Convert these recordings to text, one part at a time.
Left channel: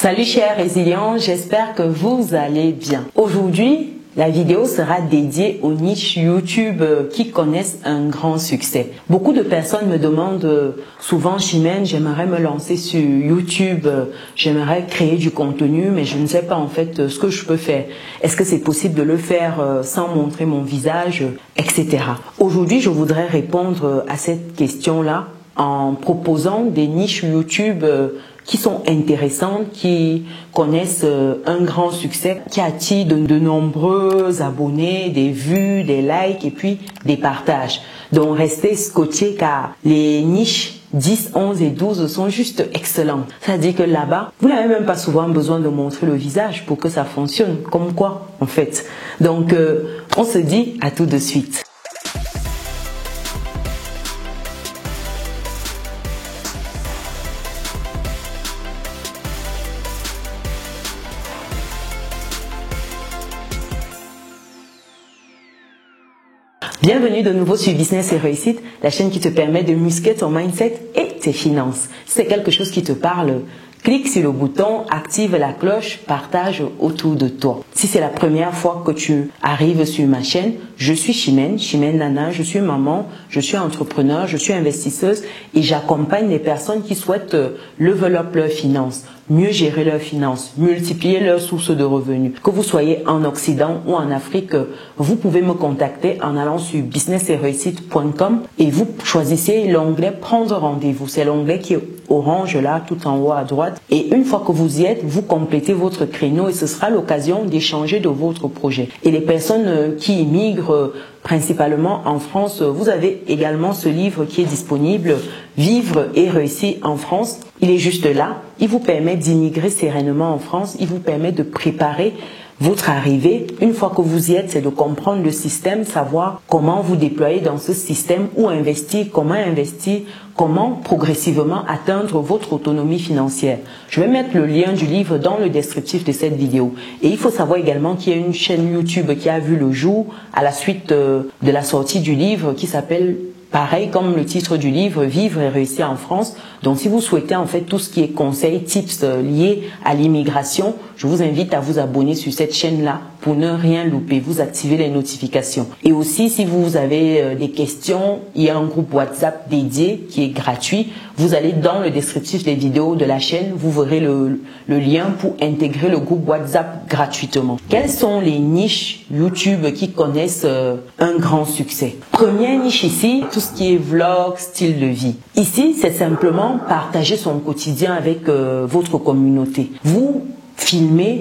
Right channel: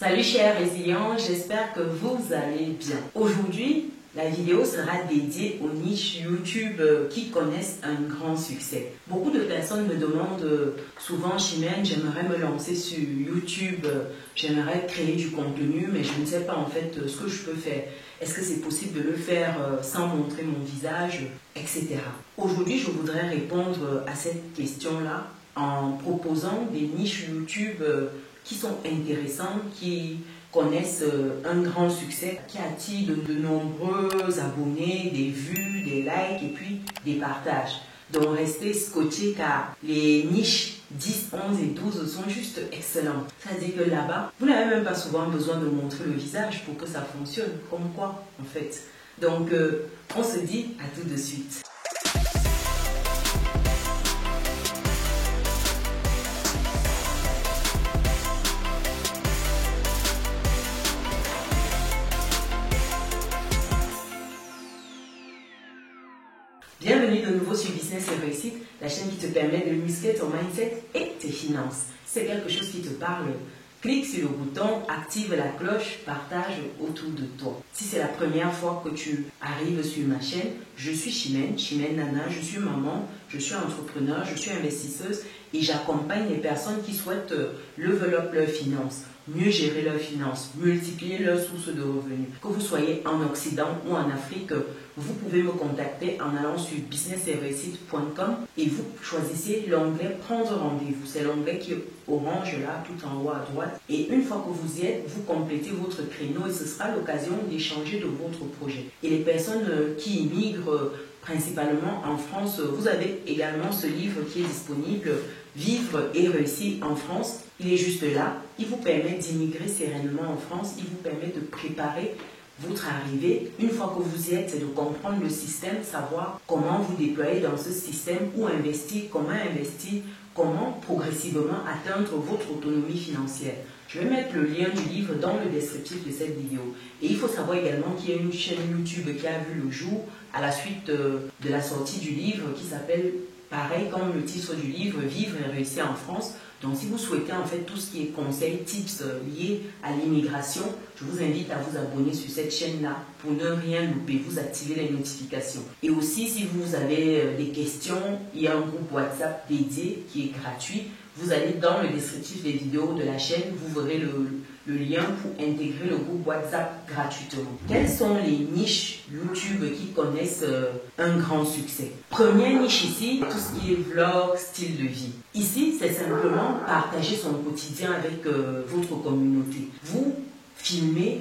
Salut chers résilients, j'espère que vous allez bien. Aujourd'hui, la vidéo sera dédiée aux niches YouTube qui connaissent un grand succès. Beaucoup de personnes me demandent souvent, Chimène, j'aimerais me lancer sur YouTube, j'aimerais créer du contenu, mais je ne sais pas en fait ce que je peux faire. Est-ce que c'est possible de le faire sans montrer mon visage, etc. Aujourd'hui, je voudrais répondre à cette question-là en proposant des niches YouTube qui sont intéressantes, qui connaissent un grand succès, qui attirent de nombreux abonnés, des vues, des likes et puis des partages. Donc restez scotchés car les niches 10, 11 et 12 sont juste excellentes. C'est-à-dire que là-bas, vous n'avez même pas souvent besoin de montrer le visage pour que ça fonctionne. Comme quoi, en fait. Donc, on se dit à tout de suite. Bienvenue de nouveau sur Business et Réussite, la chaîne qui te permet de muscler ton mindset et tes finances. Si c'est quelque chose qui te parle, clique sur le bouton, active la cloche, partage autour de toi. Si c'est la première fois que tu arrives sur ma chaîne, je suis Chimène Nana, je suis maman, je suis entrepreneur, je suis investisseuse et j'accompagne les personnes qui souhaitent level up leurs finances, mieux gérer leurs finances, multiplier leurs sources de revenus. Que vous soyez en Occident ou en Afrique, vous pouvez me contacter en allant sur businessetreusite.com et vous choisissez l'onglet prendre rendez-vous. C'est l'onglet qui est orange là, tout en haut à droite. Et une fois que vous y êtes, vous complétez votre créneau et ce sera l'occasion d'échanger de votre projet. Et les personnes qui immigrent principalement en France, vous avez également ce livre qui est disponible, Vivre et réussir en France. Il est juste là. Il vous permet d'immigrer sereinement en France. Il vous permet de préparer votre arrivée. Une fois que vous y êtes, c'est de comprendre le système, savoir comment vous déployer dans ce système, où investir, comment progressivement atteindre votre autonomie financière. Je vais mettre le lien du livre dans le descriptif de cette vidéo. Et il faut savoir également qu'il y a une chaîne YouTube qui a vu le jour à la suite de la sortie du livre qui s'appelle pareil comme le titre du livre, Vivre et réussir en France. Donc si vous souhaitez en fait tout ce qui est conseils, tips liés à l'immigration, je vous invite à vous abonner sur cette chaîne-là pour ne rien louper, vous activez les notifications. Et aussi si vous avez des questions, il y a un groupe WhatsApp dédié qui est gratuit. Vous allez dans le descriptif des vidéos de la chaîne, vous verrez le lien pour intégrer le groupe WhatsApp gratuitement. Quelles sont les niches YouTube qui connaissent un grand succès? Première niche ici, tout ce qui est vlog, style de vie. Ici, c'est simplement partager son quotidien avec votre communauté. Vous filmez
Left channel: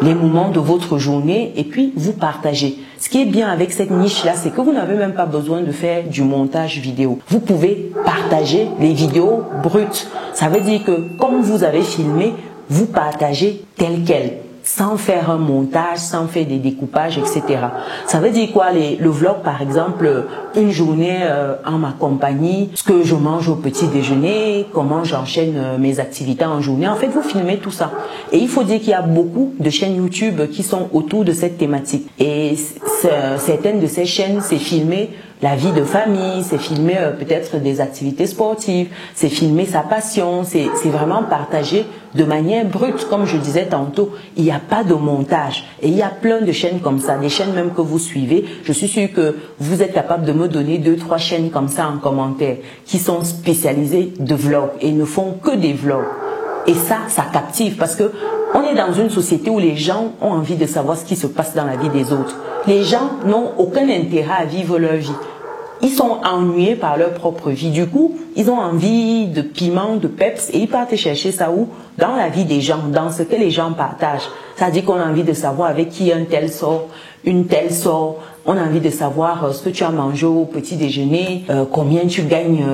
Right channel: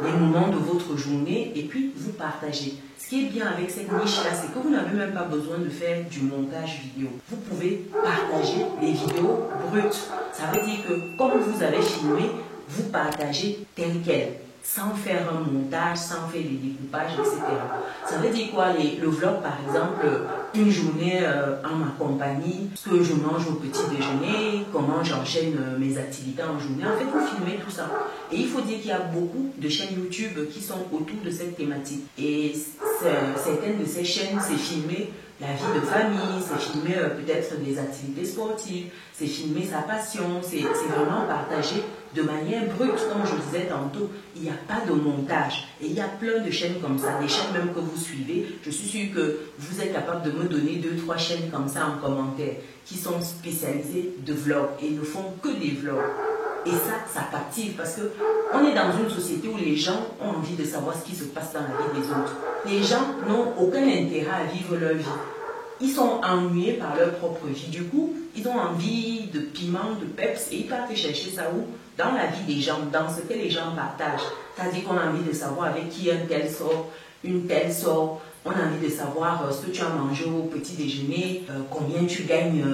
les moments de votre journée et puis vous partagez. Ce qui est bien avec cette niche-là, c'est que vous n'avez même pas besoin de faire du montage vidéo. Vous pouvez partager les vidéos brutes. Ça veut dire que comme vous avez filmé, vous partagez tel quel, sans faire un montage, sans faire des découpages, etc. Ça veut dire quoi le vlog par exemple, une journée en ma compagnie, ce que je mange au petit déjeuner, comment j'enchaîne mes activités en journée. En fait, vous filmez tout ça. Et il faut dire qu'il y a beaucoup de chaînes YouTube qui sont autour de cette thématique. Et certaines de ces chaînes, c'est filmer la vie de famille, c'est filmer peut-être des activités sportives, c'est filmer sa passion, c'est vraiment partager de manière brute, comme je disais tantôt. Il n'y a pas de montage. Et il y a plein de chaînes comme ça, des chaînes même que vous suivez. Je suis sûre que vous êtes capable de me donner 2-3 chaînes comme ça en commentaire, qui sont spécialisées de vlogs et ne font que des vlogs. Et ça captive parce que on est dans une société où les gens ont envie de savoir ce qui se passe dans la vie des autres. Les gens n'ont aucun intérêt à vivre leur vie. Ils sont ennuyés par leur propre vie. Du coup, ils ont envie de piment, de peps et ils partent chercher ça où? Dans la vie des gens, dans ce que les gens partagent. C'est-à-dire qu'on a envie de savoir avec qui un tel sort, une telle sort. On a envie de savoir ce que tu as mangé au petit déjeuner, combien tu gagnes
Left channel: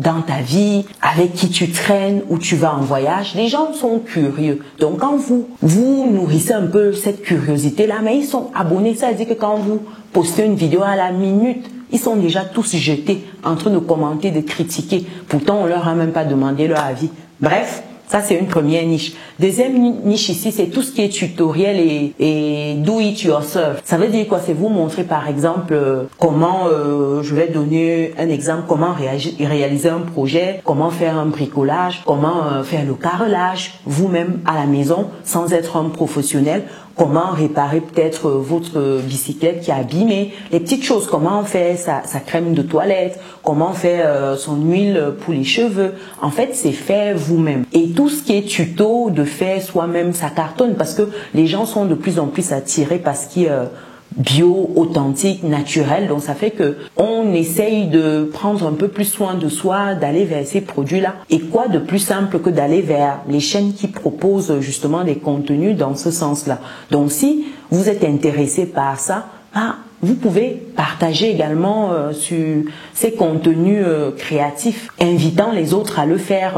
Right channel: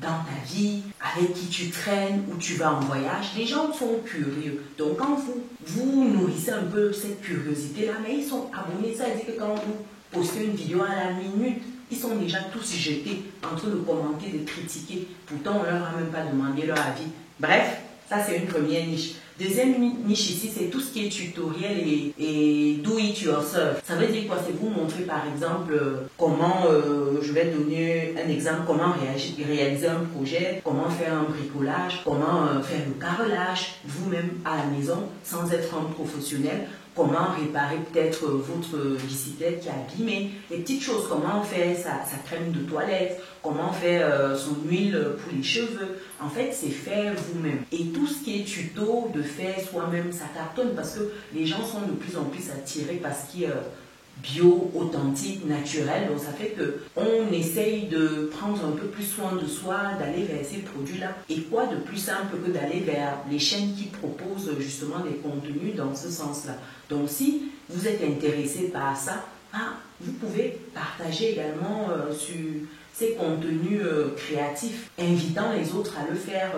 dans ta vie, avec qui tu traînes, où tu vas en voyage. Les gens sont curieux. Donc quand vous nourrissez un peu cette curiosité-là, mais ils sont abonnés. Ça veut dire que quand vous postez une vidéo à la minute, ils sont déjà tous jetés en train de commenter, de critiquer. Pourtant, on leur a même pas demandé leur avis. Bref, ça c'est une première niche. Deuxième niche ici, c'est tout ce qui est tutoriel et do it yourself. Ça veut dire quoi? C'est vous montrer par exemple comment, je vais donner un exemple, comment réaliser un projet, comment faire un bricolage, comment faire le carrelage vous-même à la maison sans être un professionnel. Comment réparer peut-être votre bicyclette qui est abîmée, les petites choses, comment faire sa crème de toilette, comment faire son huile pour les cheveux. En fait, c'est fait vous-même. Et tout ce qui est tuto de faire soi-même, ça cartonne parce que les gens sont de plus en plus attirés par ce qui est bio, authentique, naturel. Donc ça fait que on essaye de prendre un peu plus soin de soi, d'aller vers ces produits-là. Et quoi de plus simple que d'aller vers les chaînes qui proposent justement des contenus dans ce sens-là. Donc si vous êtes intéressé par ça, vous pouvez partager également sur ces contenus créatifs, invitant les autres à le faire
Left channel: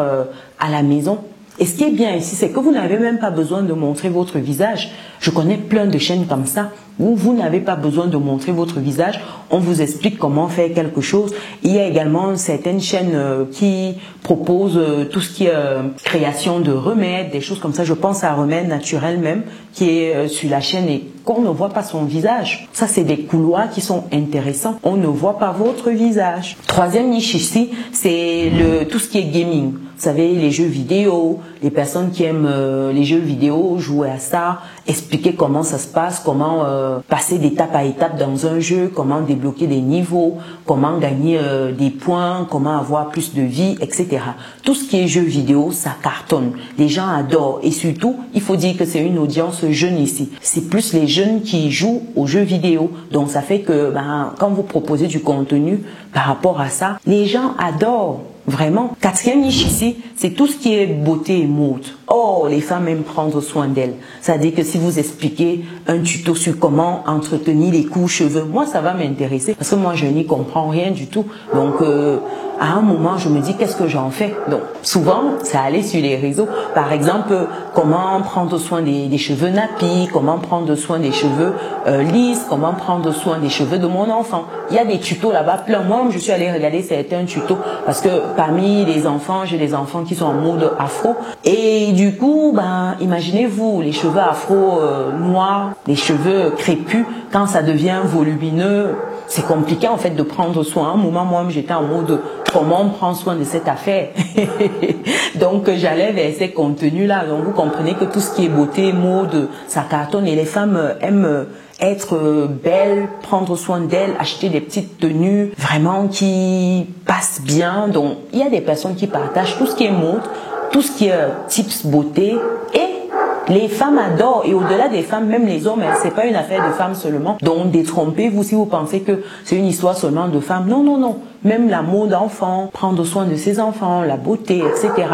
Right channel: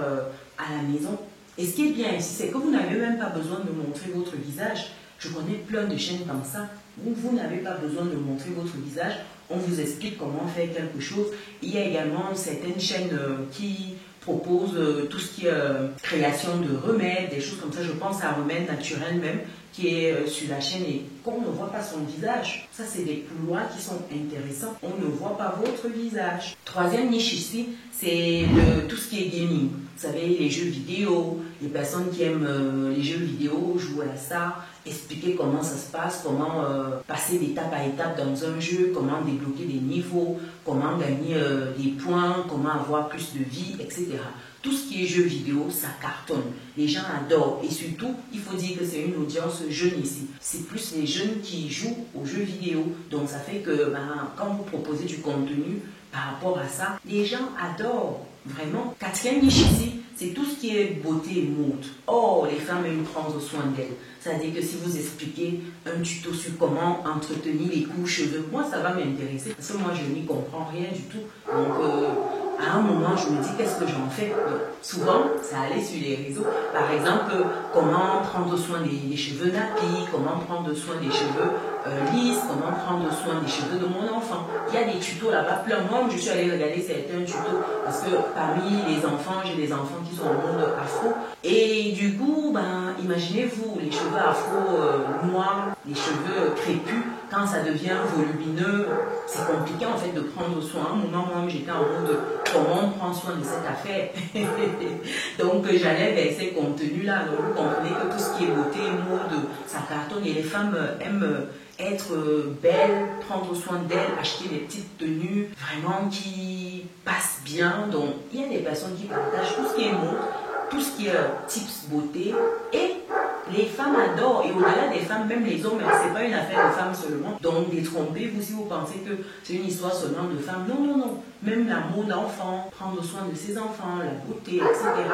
à la maison. Et ce qui est bien ici, c'est que vous n'avez même pas besoin de montrer votre visage. Je connais plein de chaînes comme ça où vous n'avez pas besoin de montrer votre visage. On vous explique comment faire quelque chose. Il y a également certaines chaînes qui proposent tout ce qui est création de remèdes, des choses comme ça. Je pense à Remède Naturel même, qui est sur la chaîne et qu'on ne voit pas son visage. Ça, c'est des couloirs qui sont intéressants. On ne voit pas votre visage. Troisième niche ici, c'est tout ce qui est gaming. Vous savez, les jeux vidéo, les personnes qui aiment les jeux vidéo, jouer à ça, expliquer comment ça se passe, comment passer d'étape à étape dans un jeu, comment débloquer des niveaux, comment gagner des points, comment avoir plus de vie, etc. Tout ce qui est jeux vidéo, ça cartonne. Les gens adorent et surtout, il faut dire que c'est une audience jeune ici. C'est plus les jeunes qui jouent aux jeux vidéo. Donc ça fait que quand vous proposez du contenu par rapport à ça, les gens adorent. Vraiment. Quatrième niche ici, c'est tout ce qui est beauté et mode. Oh, les femmes aiment prendre soin d'elles. C'est-à-dire que si vous expliquez un tuto sur comment entretenir les coups, cheveux, moi ça va m'intéresser parce que moi je n'y comprends rien du tout. Donc à un moment je me dis qu'est-ce que j'en fais. Donc souvent ça allait sur les réseaux. Par exemple, comment prendre soin des cheveux nappis, comment prendre soin des cheveux lisses, comment prendre soin des cheveux de mon enfant. Il y a des tutos là-bas plein. Moi je suis allée regarder certains tutos parce que parmi les enfants, j'ai des enfants qui sont en mode afro. Et du coup, imaginez-vous, les cheveux afro noirs, les cheveux crépus, quand ça devient volumineux, c'est compliqué en fait de prendre soin. À un moment, moi, j'étais en mode comment on prend soin de cette affaire. Donc, j'allais vers ces contenus-là. Donc, vous comprenez que tout ce qui est beauté, mode, ça cartonne et les femmes aiment être belle, prendre soin d'elle, acheter des petites tenues vraiment qui passent bien. Donc, il y a des personnes qui partagent tout ce qui est mode, tout ce qui est tips beauté et les femmes adorent. Et au-delà des femmes, même les hommes, c'est pas une affaire de femmes seulement. Donc, détrompez-vous si vous pensez que c'est une histoire seulement de femmes. Non, non, non. Même la mode d'enfant, prendre soin de ses enfants, la beauté, etc.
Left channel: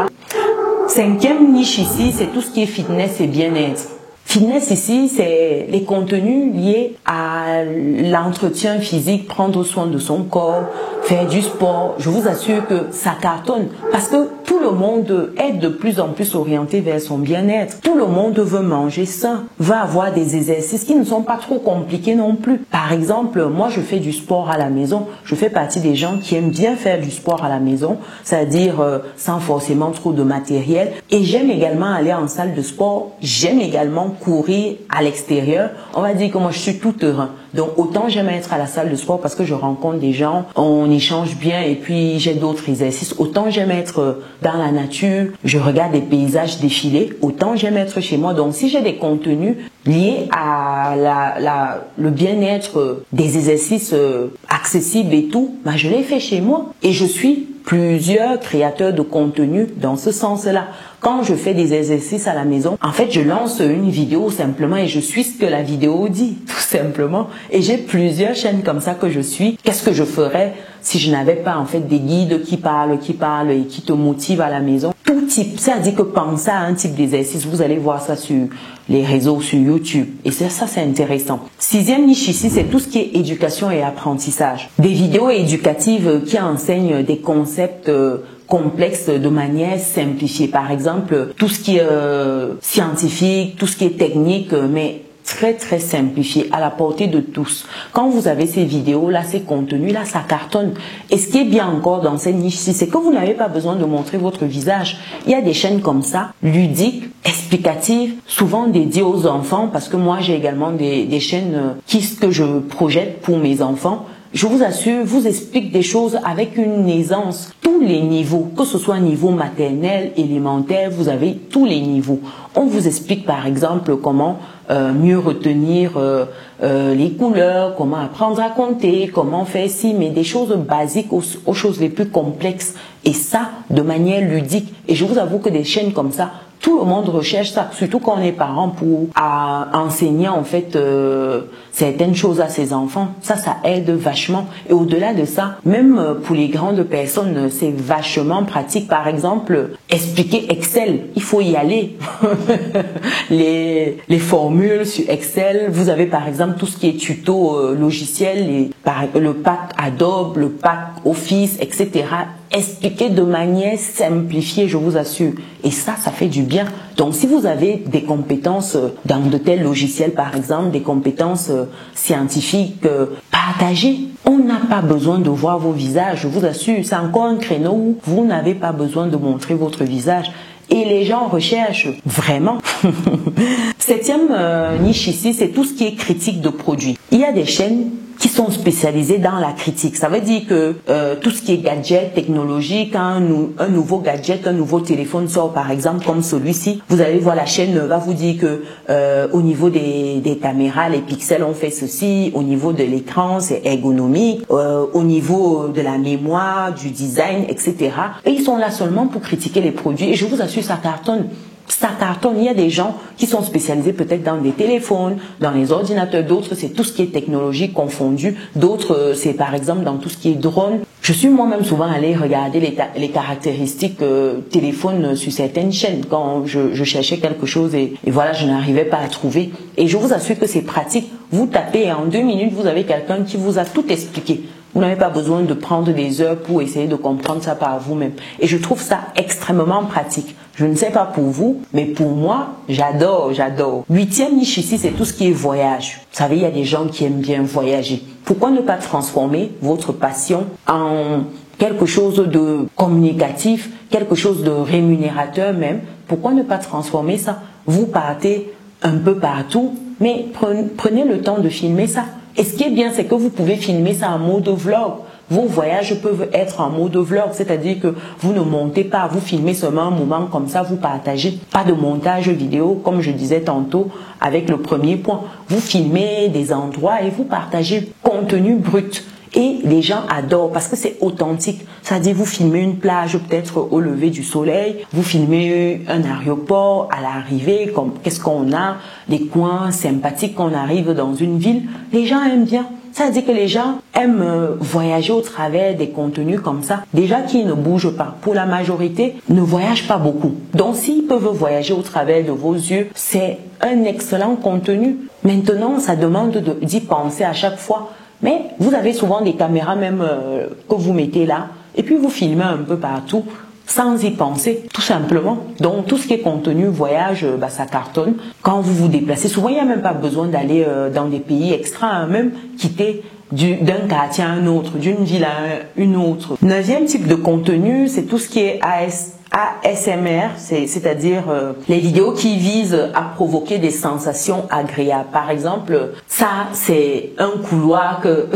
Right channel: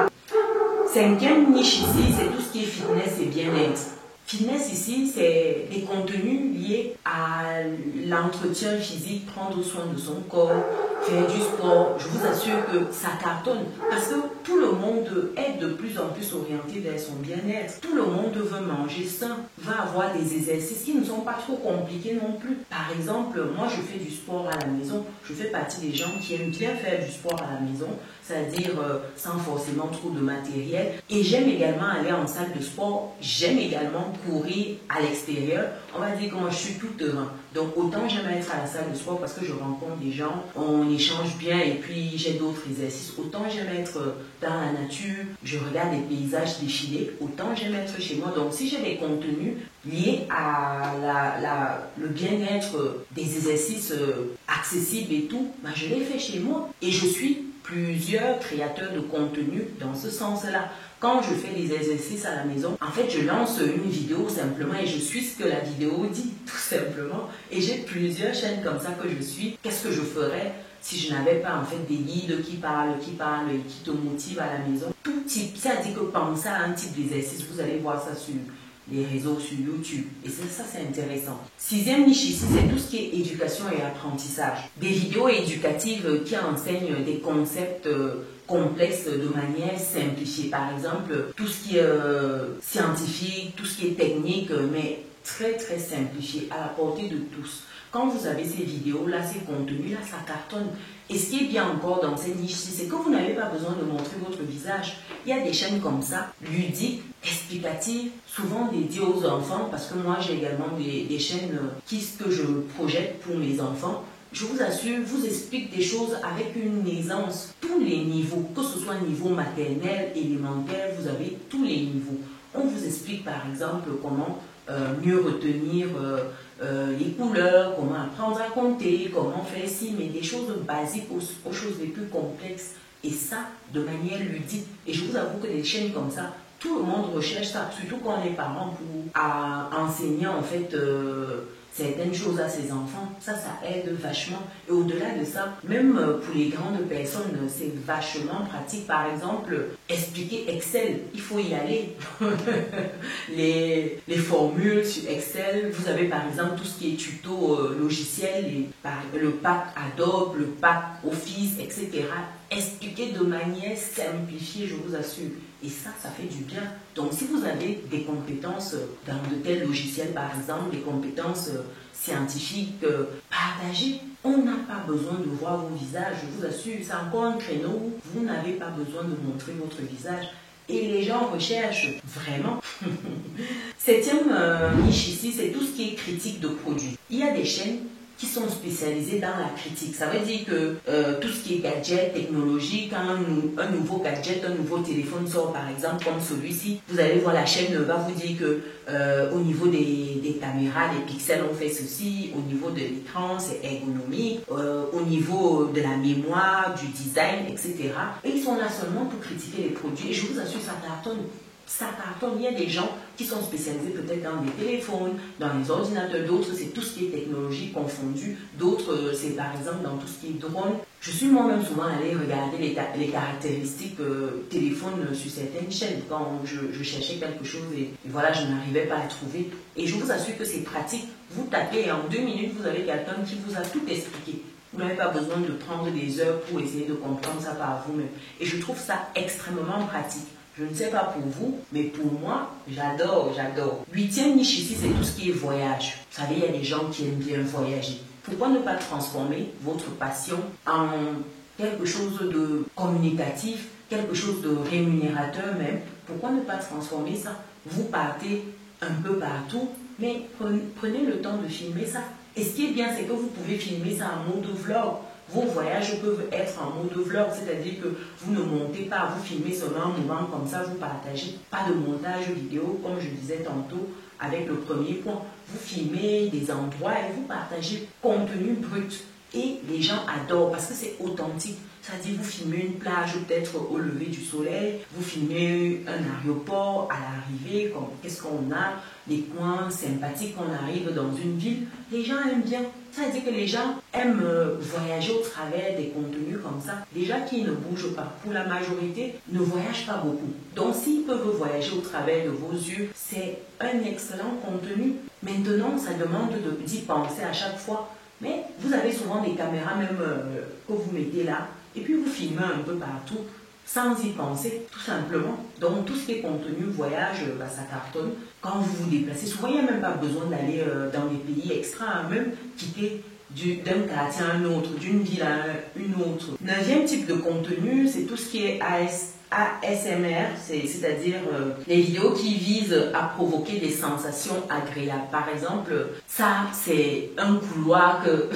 Cinquième niche ici, c'est tout ce qui est fitness et bien-être. Fitness ici, c'est les contenus liés à l'entretien physique, prendre soin de son corps, faire du sport. Je vous assure que ça cartonne parce que tout le monde est de plus en plus orienté vers son bien-être. Tout le monde veut manger sain, veut avoir des exercices qui ne sont pas trop compliqués non plus. Par exemple, moi je fais du sport à la maison. Je fais partie des gens qui aiment bien faire du sport à la maison, c'est-à-dire sans forcément trop de matériel. Et j'aime également aller en salle de sport. J'aime également courir à l'extérieur. On va dire que moi je suis tout terrain. Donc autant j'aime être à la salle de sport parce que je rencontre des gens, on échange bien et puis j'ai d'autres exercices. Autant j'aime être dans la nature, je regarde les paysages défiler. Autant j'aime être chez moi. Donc si j'ai des contenus liés à le bien-être, des exercices accessibles et tout, je les fais chez moi. Et je suis plusieurs créateurs de contenu dans ce sens-là. Quand je fais des exercices à la maison, en fait, je lance une vidéo simplement et je suis ce que la vidéo dit, tout simplement. Et j'ai plusieurs chaînes comme ça que je suis. Qu'est-ce que je ferais si je n'avais pas en fait des guides qui parlent et qui te motivent à la maison? Tout type, c'est-à-dire que pensez à un type d'exercice, vous allez voir ça sur les réseaux, sur YouTube. Et ça c'est intéressant. Sixième niche ici, c'est tout ce qui est éducation et apprentissage. Des vidéos éducatives qui enseignent des concepts complexes de manière simplifiée. Par exemple, tout ce qui est scientifique, tout ce qui est technique, mais très simplifié, à la portée de tous. Quand vous avez ces vidéos-là, ces contenus-là, ça cartonne. Et ce qui est bien encore dans cette niche-ci, c'est que vous n'avez pas besoin de montrer votre visage. Il y a des chaînes comme ça, ludiques, explicatives, souvent dédiées aux enfants, parce que moi j'ai également des chaînes que je projette pour mes enfants. Je vous assure, vous explique des choses avec une aisance, tous les niveaux, que ce soit niveau maternel, élémentaire, vous avez tous les niveaux. On vous explique par exemple comment mieux retenir les couleurs, comment apprendre à compter, comment faire ci, mais des choses basiques aux choses les plus complexes. Et ça, de manière ludique. Et je vous avoue que des chaînes comme ça, tout le monde recherche ça, surtout quand on est parent, pour enseigner en fait certaines choses à ses enfants. Ça aide vachement. Et au-delà de ça, même pour les grandes personnes, c'est vachement pratique. Par exemple, expliquer Excel, il faut y aller. les formules sur Excel, vous avez par exemple tout ce qui est tuto logiciel, le pack Adobe, le pack Office, etc. Expliquer de manière simplifiée, je vous assure. Et ça fait du bien. Donc, si vous avez des compétences dans de tels logiciels, par exemple, des compétences scientifiques, partagez. On n'a pas besoin de voir vos visages, je vous assure. C'est encore un créneau où vous n'avez pas besoin de montrer votre visage. Et les gens recherchent vraiment. Septième niche ici, c'est tout ce qui est critique de produits. Il y a des chaînes qui sont spécialisées dans la critique. Ça veut dire que tout ce qui est gadget, technologique, un nouveau gadget, un nouveau téléphone sort par exemple comme celui-ci, vous allez voir la chaîne va vous dire que au niveau des caméras, les pixels ont fait ceci, au niveau de l'écran c'est ergonomique, au niveau de la mémoire, du design, etc. Et ils sont là seulement pour critiquer les produits et je vous assure ça cartonne. Ça cartonne. Il y a des gens qui sont spécialisés peut-être dans des téléphones, dans les ordinateurs, d'autres c'est tout ce qui est technologie confondu, d'autres c'est par exemple dans tout ce qui est drone. Je suis moi-même souvent allée regarder les caractéristiques téléphone sur certaines chaînes quand je cherchais quelque chose et voilà, je n'arrivais pas à trouver. Et je vous assure que c'est pratique. Vous tapez et en 2 minutes, vous avez quelqu'un qui vous a tout expliqué. Vous n'avez pas besoin de prendre des heures pour essayer de comprendre ça par vous-même. Et je trouve ça extrêmement pratique. Je ne sais pas pour vous, mais pour moi, j'adore. 8e niche ici, c'est tout ce qui est voyage. Vous savez, il y a des gens qui aiment bien voyager. Pourquoi ne pas transformer votre passion en quelque chose de communicatif, quelque chose de rémunérateur même? Pourquoi ne pas transformer ça? Vous partez un peu partout, mais prenez le temps de filmer ça. Et ce qui est bien, c'est que vous pouvez filmer ça en mode vlog. Vos voyages peuvent être en mode vlog, c'est-à-dire que vous ne montez pas, vous filmez seulement un moment comme ça, vous partagez. Pas de montage vidéo, comme je disais tantôt avec le premier point. Vous filmez des endroits et vous partagez contenu brut. Et les gens adorent parce que c'est authentique. C'est-à-dire vous filmez une plage peut-être au lever du soleil, vous filmez un aéroport à l'arrivée, comme qu'est-ce qu'on a, des coins sympathiques quand on arrive dans une ville. Les gens aiment bien. Ça veut dire que les gens aiment voyager au travers des contenus comme ça. Des gens qui ne bougent pas, pour la majorité, ne voyagent pas beaucoup. Donc s'ils peuvent voyager au travers de vos yeux, c'est un excellent contenu. Maintenant, ça demande d'y penser à chaque fois. Mais vous avez souvent des caméras même que vous mettez là et puis vous filmez un peu partout sans y penser, tout simplement. Donc tout ce qui est contenu, voyage, ça cartonne. Quand vous vous déplacez, souvent il n'y a même pas besoin d'aller dans des pays extra, même quitter d'un quartier à un autre, d'une ville à une autre. 9e type de contenu, c'est tout ce qui est ASMR, c'est-à-dire les vidéos qui visent à provoquer des sensations agréables. Par exemple, ça c'est un couloir que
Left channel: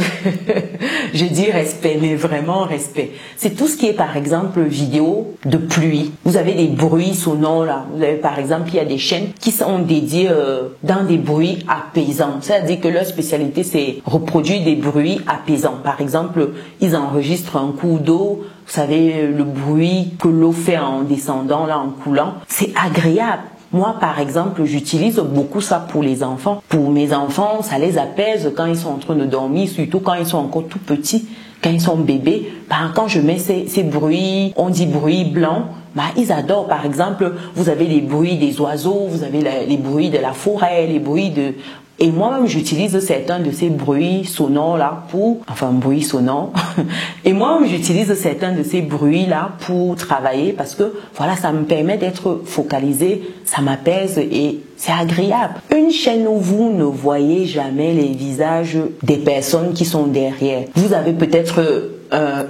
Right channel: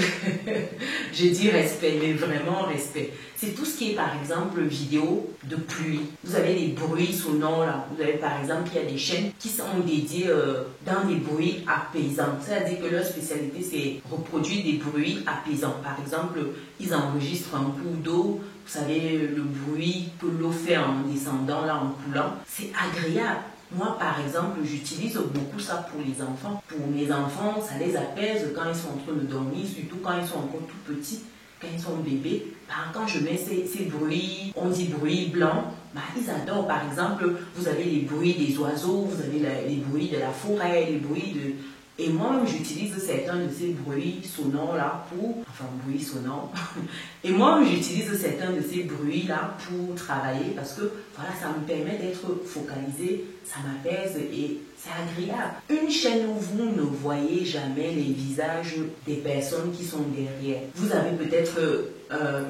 je dis respect, mais vraiment respect. C'est tout ce qui est par exemple vidéo de pluie. Vous avez des bruits sonores là. Vous avez par exemple, il y a des chaînes qui sont dédiées dans des bruits apaisants. C'est-à-dire que leur spécialité c'est reproduire des bruits apaisants. Par exemple, ils enregistrent un cours d'eau. Vous savez, le bruit que l'eau fait en descendant, là, en coulant, c'est agréable. Moi, par exemple, j'utilise beaucoup ça pour les enfants. Pour mes enfants, ça les apaise quand ils sont en train de dormir, surtout quand ils sont encore tout petits, quand ils sont bébés. Quand je mets ces bruits, on dit bruits blancs, ils adorent. Par exemple, vous avez les bruits des oiseaux, vous avez les bruits de la forêt, les bruits de Et moi-même, j'utilise certains de ces bruits sonores-là pour... Enfin, bruits sonores. Et moi-même, j'utilise certains de ces bruits-là pour travailler parce que, voilà, ça me permet d'être focalisé, ça m'apaise et c'est agréable. Une chaîne où vous ne voyez jamais les visages des personnes qui sont derrière. Vous avez peut-être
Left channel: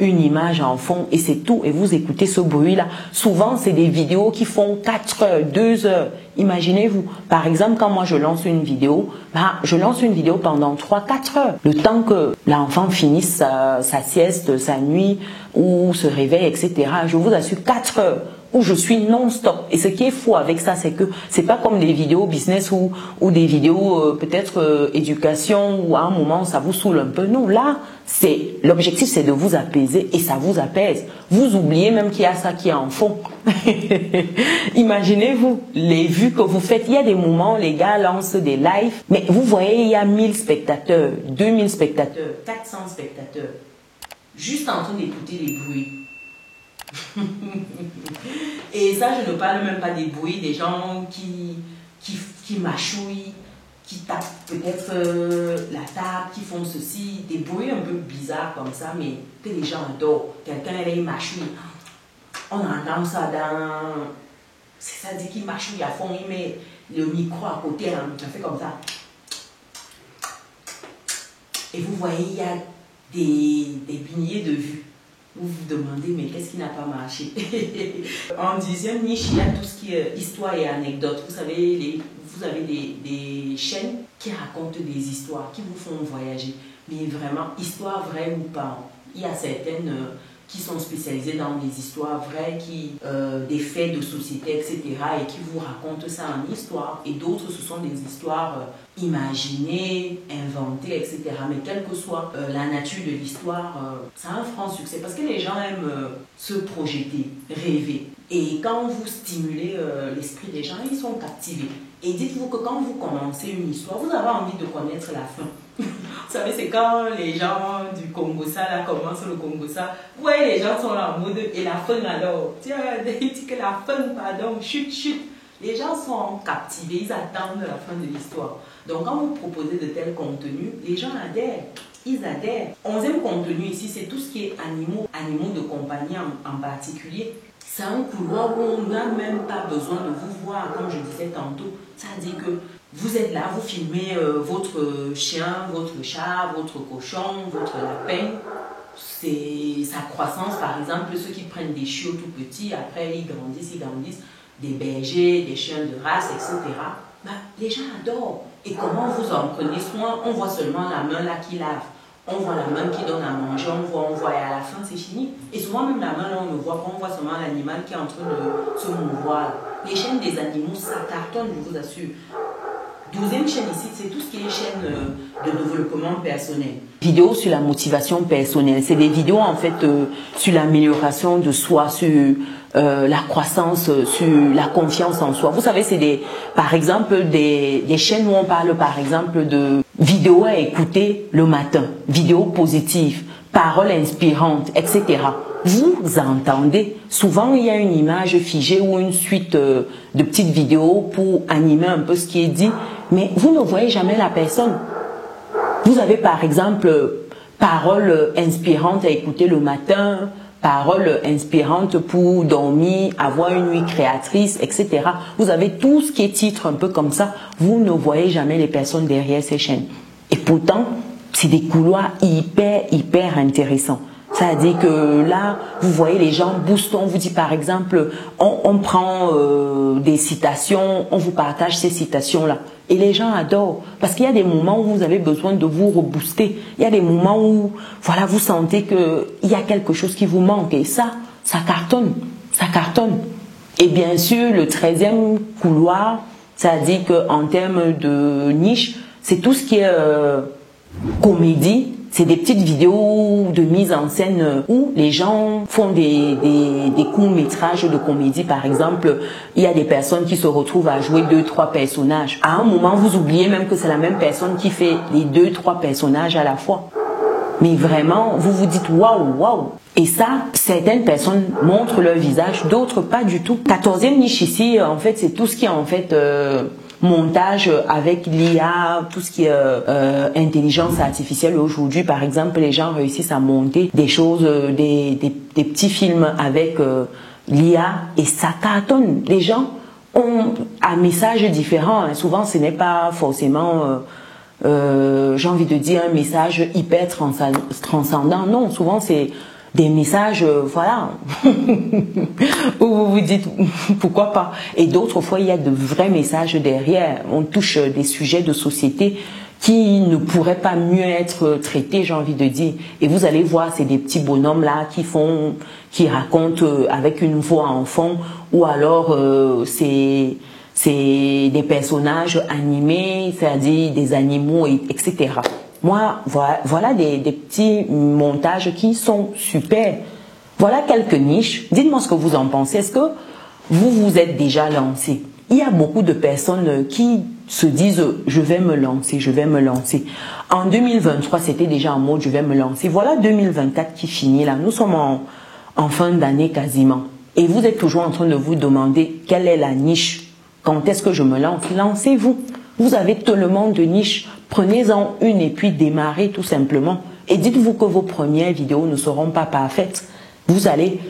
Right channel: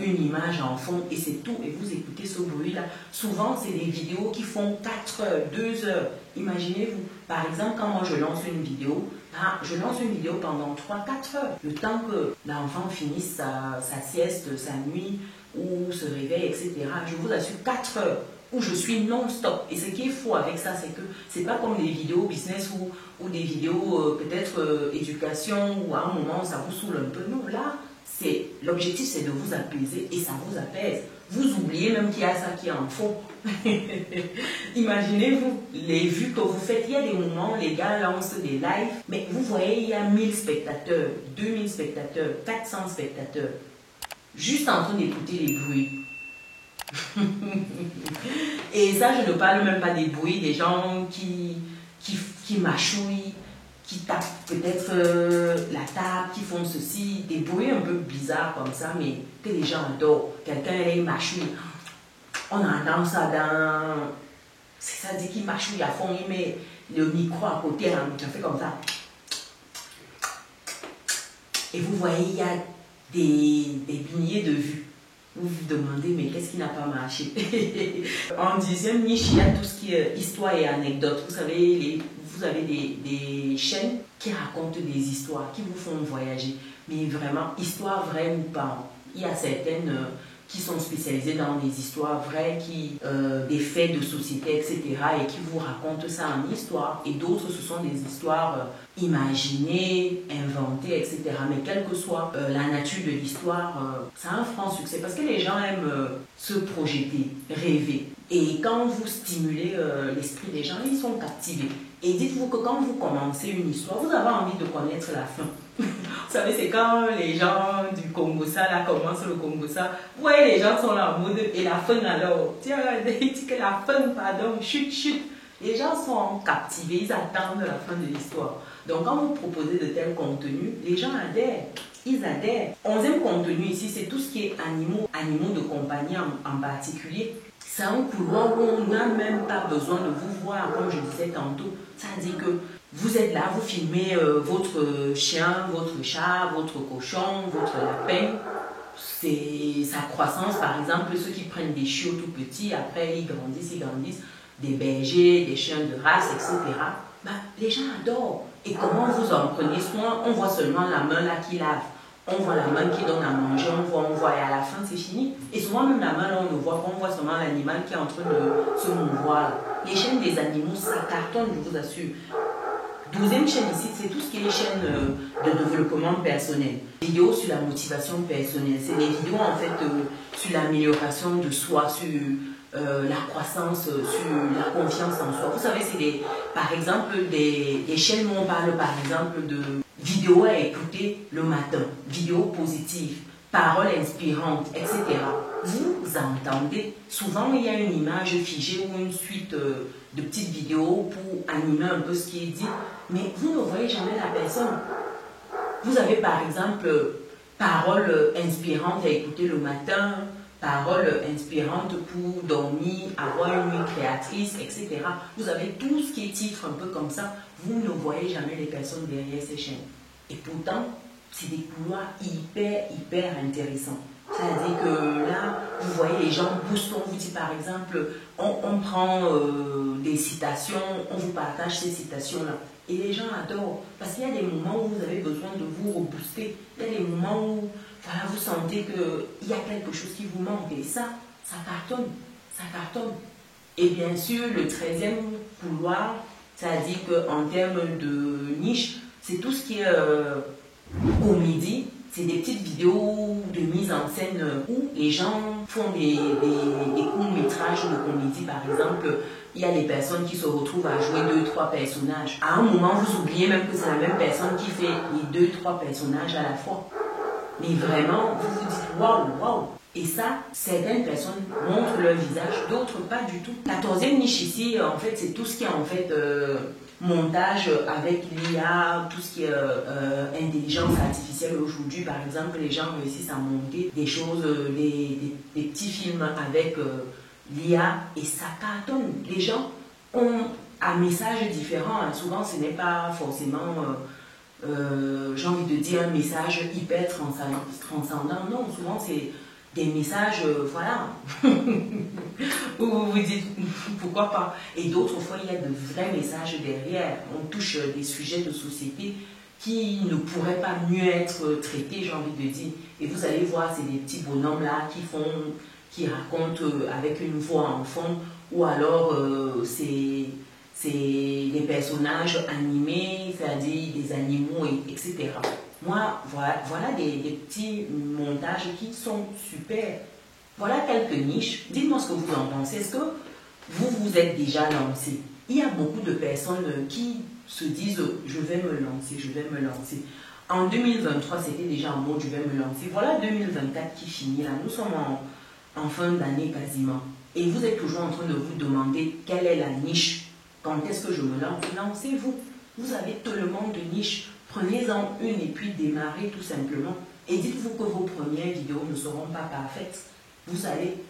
une image en fond et c'est tout. Et vous écoutez ce bruit-là. Souvent, c'est des vidéos qui font 4 heures, 2 heures. Imaginez-vous, par exemple, quand moi je lance une vidéo, je lance une vidéo pendant 3-4 heures. Le temps que l'enfant finisse sa sieste, sa nuit ou se réveille, etc. Je vous assure 4 heures où je suis non-stop. Et ce qui est fou avec ça, c'est que c'est pas comme des vidéos business ou des vidéos peut-être éducation où à un moment ça vous saoule un peu. Non, là, l'objectif c'est de vous apaiser et ça vous apaise. Vous oubliez même qu'il y a ça qui est en fond. Imaginez-vous les vues que vous faites. Il y a des moments, les gars lancent des lives, mais vous voyez, il y a 1000 spectateurs, 2000 spectateurs, 400 spectateurs, juste en train d'écouter les bruits. Et ça, je ne parle même pas des bruits des gens qui mâchouillent, qui tapent peut-être la table, qui font ceci, des bruits un peu bizarres comme ça, mais que les gens adorent. Quelqu'un, il mâchouille. On entend ça dans... C'est ça, dit qu'il mâchouille à fond, il met le micro à côté, hein, ça fait comme ça. Et vous voyez, il y a des milliers de vues. Vous vous demandez, mais qu'est-ce qui n'a pas marché? En deuxième niche, il y a tout ce qui est histoire et anecdote. Vous savez, vous avez des chaînes qui racontent des histoires, qui vous font voyager. Mais vraiment, histoire vraie ou pas. Il y a certaines qui sont spécialisées dans des histoires vraies, des faits de société, etc. et qui vous racontent ça en histoire. Et d'autres, ce sont des histoires imaginées, inventées, etc. Mais quelle que soit la nature de l'histoire, ça a un franc succès parce que les gens aiment se projeter, rêver. Et quand vous stimulez l'esprit des gens, ils sont captivés. Et dites-vous que quand vous commencez une histoire, vous avez envie de connaître la fin. Vous savez, c'est quand les gens du Congo-ça, là, commencent le Congo-ça. Vous voyez, les gens sont là en mode, et la fin alors. Tiens, il dit que la fin, pardon, chut, chut. Les gens sont captivés, ils attendent la fin de l'histoire. Donc, quand vous proposez de tels contenus, les gens adhèrent. Ils adhèrent. 11e contenu ici, c'est tout ce qui est animaux de compagnie en particulier. C'est un couloir où on n'a même pas besoin de vous voir, comme je disais tantôt. Ça veut dire que vous êtes là, vous filmez votre chien, votre chat, votre cochon, votre lapin. C'est sa croissance, par exemple, ceux qui prennent des chiots tout petits, après ils grandissent, des bergers, des chiens de race, etc. Bah, les gens adorent. Et comment vous en prenez soin? On voit seulement la main là qui lave. On voit la main qui donne à manger, on voit et à la fin c'est fini. Et souvent même la main là on ne voit pas, on voit seulement l'animal qui est en train de se mouvoir. Les chaînes des animaux, ça cartonne, je vous assure. 12e chaîne ici, c'est tout ce qui est chaîne de développement personnel. Vidéos sur la motivation personnelle, c'est des vidéos en fait sur l'amélioration de soi, sur la croissance, sur la confiance en soi. Vous savez, c'est par exemple des chaînes où on parle par exemple de vidéos à écouter le matin, vidéos positives, paroles inspirantes, etc. Vous entendez, souvent il y a une image figée ou une suite de petites vidéos pour animer un peu ce qui est dit, mais vous ne voyez jamais la personne. Vous avez par exemple paroles inspirantes à écouter le matin, paroles inspirantes pour dormir, avoir une nuit créatrice, etc. Vous avez tout ce qui est titre un peu comme ça. Vous ne voyez jamais les personnes derrière ces chaînes. Et pourtant, c'est des couloirs hyper intéressants. C'est-à-dire que là, vous voyez les gens boostent, on vous dit par exemple, on prend des citations, on vous partage ces citations-là. Et les gens adorent. Parce qu'il y a des moments où vous avez besoin de vous rebooster. Il y a des moments où voilà, vous sentez qu'il y a quelque chose qui vous manque. Et ça cartonne. Ça cartonne. Et bien sûr, le 13e couloir, c'est-à-dire qu'en termes de niche, c'est tout ce qui est comédie. C'est des petites vidéos de mise en scène où les gens font des courts-métrages de comédie. Par exemple, il y a des personnes qui se retrouvent à jouer 2-3 personnages. À un moment, vous oubliez même que c'est la même personne qui fait les 2-3 personnages à la fois. Mais vraiment, vous vous dites waouh, waouh. Et ça, certaines personnes montrent leur visage, d'autres pas du tout. 14e niche ici, en fait, c'est tout ce qui est en fait montage avec l'IA, tout ce qui est intelligence artificielle. Aujourd'hui, par exemple, les gens réussissent à monter des choses, des petits films avec l'IA et ça cartonne. Les gens ont un message différent. Hein. Souvent, ce n'est pas forcément... j'ai envie de dire un message hyper transcendant. Non, souvent c'est des messages, voilà, où vous vous dites pourquoi pas. Et d'autres fois, il y a de vrais messages derrière. On touche des sujets de société qui ne pourraient pas mieux être traités, j'ai envie de dire. Et vous allez voir, c'est des petits bonhommes là qui racontent avec une voix en fond, ou alors c'est des personnages animés, c'est-à-dire des animaux, etc. Moi, voilà des petits montages qui sont super. Voilà quelques niches. Dites-moi ce que vous en pensez. Est-ce que vous vous êtes déjà lancé? Il y a beaucoup de personnes qui se disent « je vais me lancer, je vais me lancer ». En 2023, c'était déjà en mode « je vais me lancer ». Voilà 2024 qui finit là. Nous sommes en fin d'année quasiment. Et vous êtes toujours en train de vous demander quelle est la niche. Quand est-ce que je me lance? Lancez-vous. Vous avez tellement de niches. Prenez-en une et puis démarrez tout simplement. Et dites-vous que vos premières vidéos ne seront pas parfaites. Vous allez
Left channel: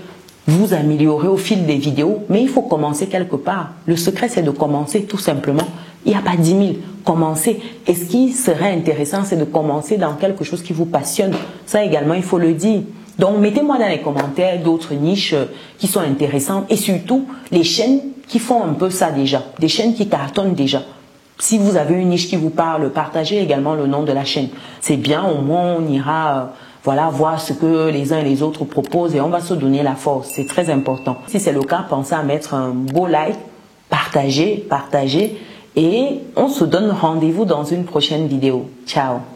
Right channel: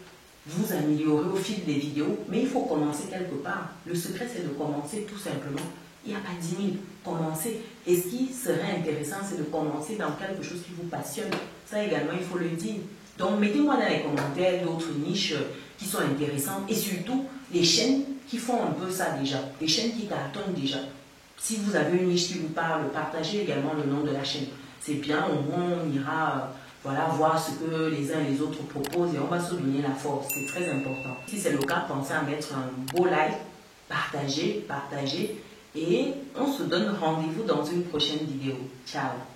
vous améliorer au fil des vidéos, mais il faut commencer quelque part. Le secret, c'est de commencer tout simplement. Il n'y a pas 10 000. Commencez. Et ce qui serait intéressant, c'est de commencer dans quelque chose qui vous passionne. Ça également, il faut le dire. Donc, mettez-moi dans les commentaires d'autres niches qui sont intéressantes et surtout les chaînes qui font un peu ça déjà, des chaînes qui cartonnent déjà. Si vous avez une niche qui vous parle, partagez également le nom de la chaîne. C'est bien, au moins on ira voilà, voir ce que les uns et les autres proposent et on va se donner la force. C'est très important. Si c'est le cas, pensez à mettre un beau like, partagez et on se donne rendez-vous dans une prochaine vidéo. Ciao!